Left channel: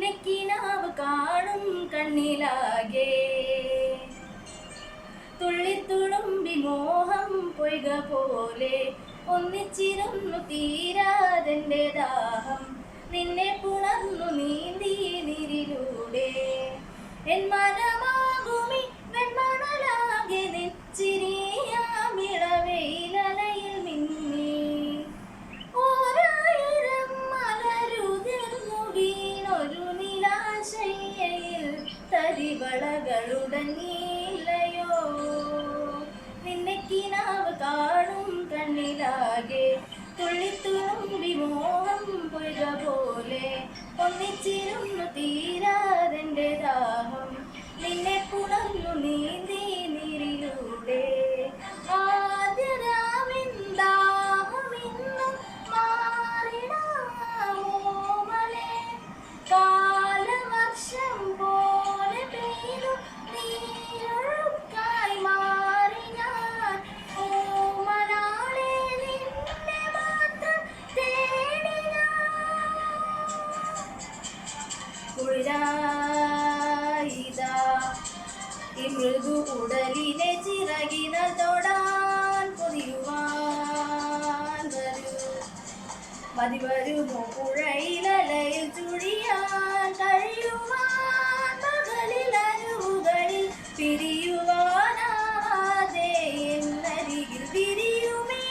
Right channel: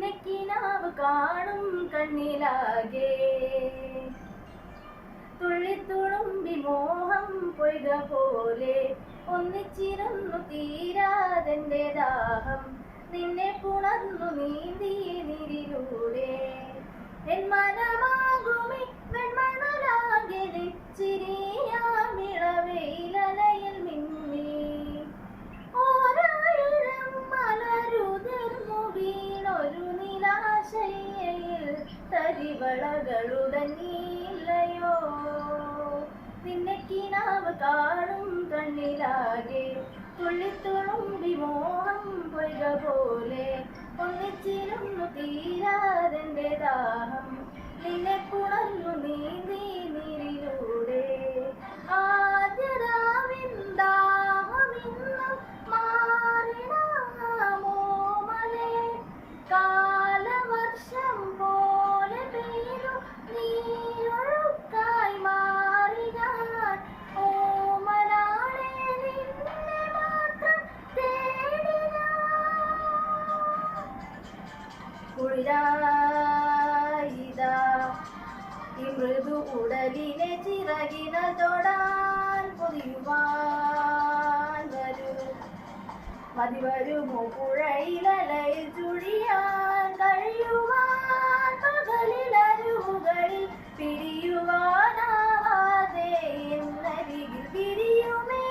നിന്നെ കിനാവ് കാണും കണ്ണിലാകെ തുള്ളിത്തുളുമ്പി മോഹം പൊയ്ക പോലെ ഒന്നിച്ചിരുന്നു തീരാതെന്റെ ദാഹം നിന്നെ പുണർന്നു നീന്തി നീരിലൂടെ എൻ മനമാകുമി വെൺമണലാകെ നെച്ചിരിയാമിളവെയിലലയിൽ മിന്നി ഓരായിരം മലരുതിർന്നു വീണൊരു നിലാശയ്യയിൽ തരിവളകളുടഞ്ഞില്ലയോ നിന്നെ കിനാവ് കാണും കണ്ണിലാകെ തുള്ളിത്തുളുമ്പി മോഹം പൊയ്ക പോലെ ഒന്നിച്ചിരുന്നു തീരാതെന്റെ ദാഹം നിന്നെ പുണർന്നു നീന്തി നീരിലൂടെ ആദ്യരാവിൻ ദാഹമിന്നും മാറിടാമോ മലേ കാലവർഷം പോലെ പെയ്തു നീരൊഴുക്കായി മാറി ഞാൻ ഓമനാളെ നിന്നെ മാത്രം തേടി കുളിരായിതാ ഈ മൃദു ഉടലിനെ ചിറകിനാൽ തൊടാൻ പൊതിയുവാൻ വരൂ മതി വരുമോ പുഴയിലലയിൽ ചുഴിയാൻ കഴിയുവാൻ പകലിൽ അരുവുകളിൽ പിരിയുവാനാവാതെ എന്നരികിൽ വിരിയുമേ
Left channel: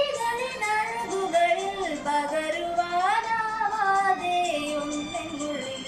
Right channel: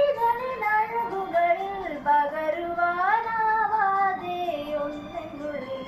ഇതളിനഴകുകളിൽ പകരുവാനാവാതെ ഒന്നെന്നുള്ളിൽ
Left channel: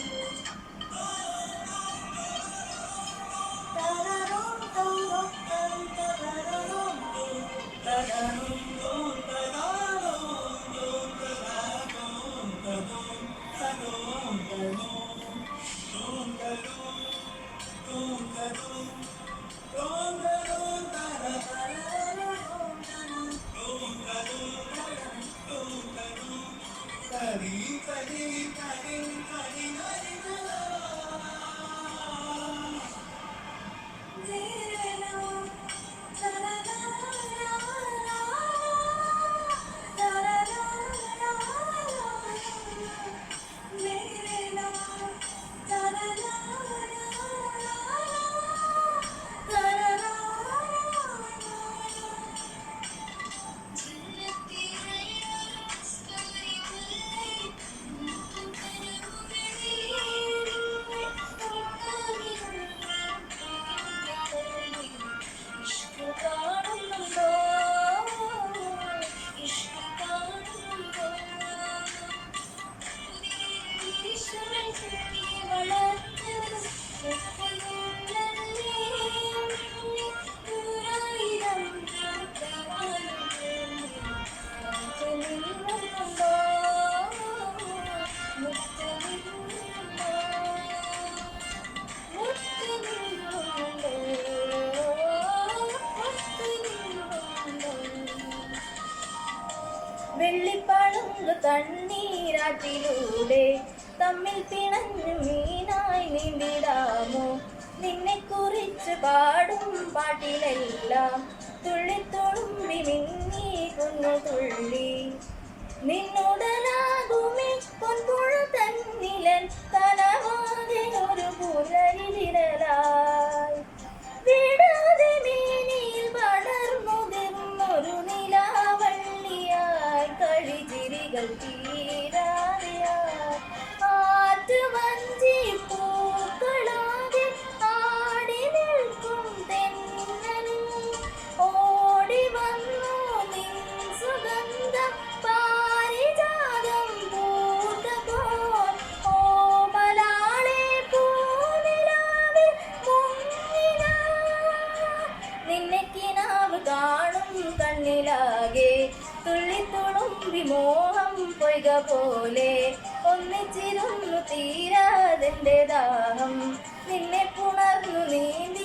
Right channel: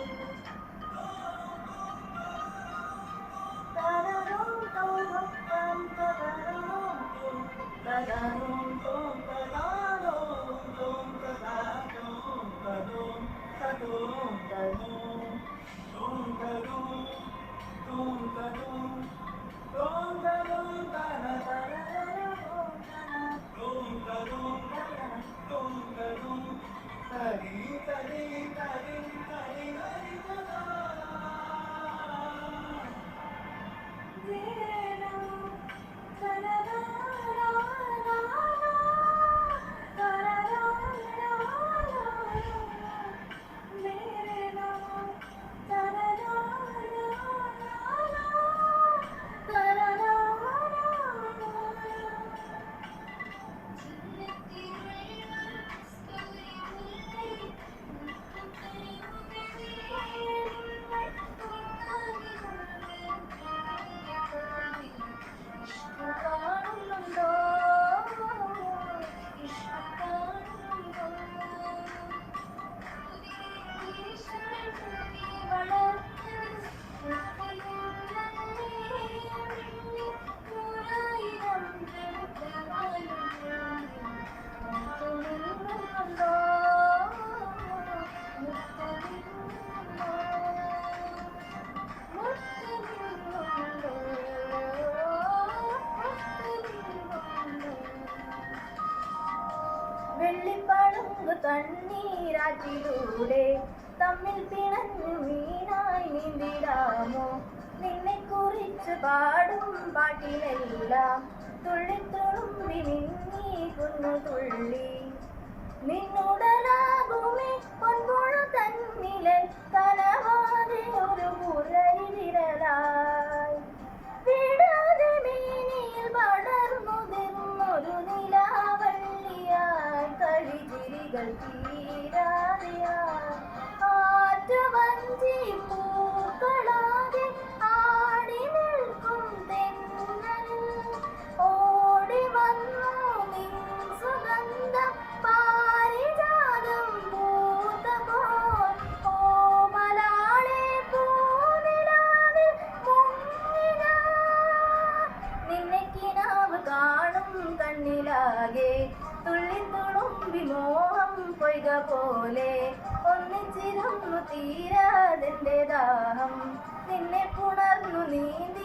വെള്ളിപ്പളുങ്ക് തണ്ണീരാറ്റിലൂടെ തമ്മിൽ പിണഞ്ഞു മീനായി നീന്തിടാമോ നിന്നെ കുറിച്ച് പാടും പാട്ടിലെല്ലാം തുള്ളിത്തുളുമ്പി മിന്നി കുന്നു തുള്ളി നിന്നുടലാകുമേ പൊൻപുഴ തന്നിലൻ കനവാതെ ഒരു പുലരിവിരലായി വിടാതെ മേനിയിൽ പടർന്നുതിർന്നൊരു നിലാവള്ളിയായി കളിചിരികൾ തീരാതെയായി ആറ്റുവഞ്ചി പൂക്കളാകെ ആടി നിൽക്കും തെന്നൽ ഓടി വന്നു നിൻ സുഗന്ധം പാരിജാതം പൂത്തപ്പോൾ ഓമലാളെ പൂനിലാവിൽ മുങ്ങി ഞാൻ നിന്നെ കിനാവ് കാണും കണ്ണിലാകെ തുള്ളിത്തുളുമ്പി മോഹം പൊയ്ക പോലെ ഒന്നിച്ചിരുന്നു തീരാതെന്റെ ദാഹം നിന്നെ പുണർന്നു നീന്തി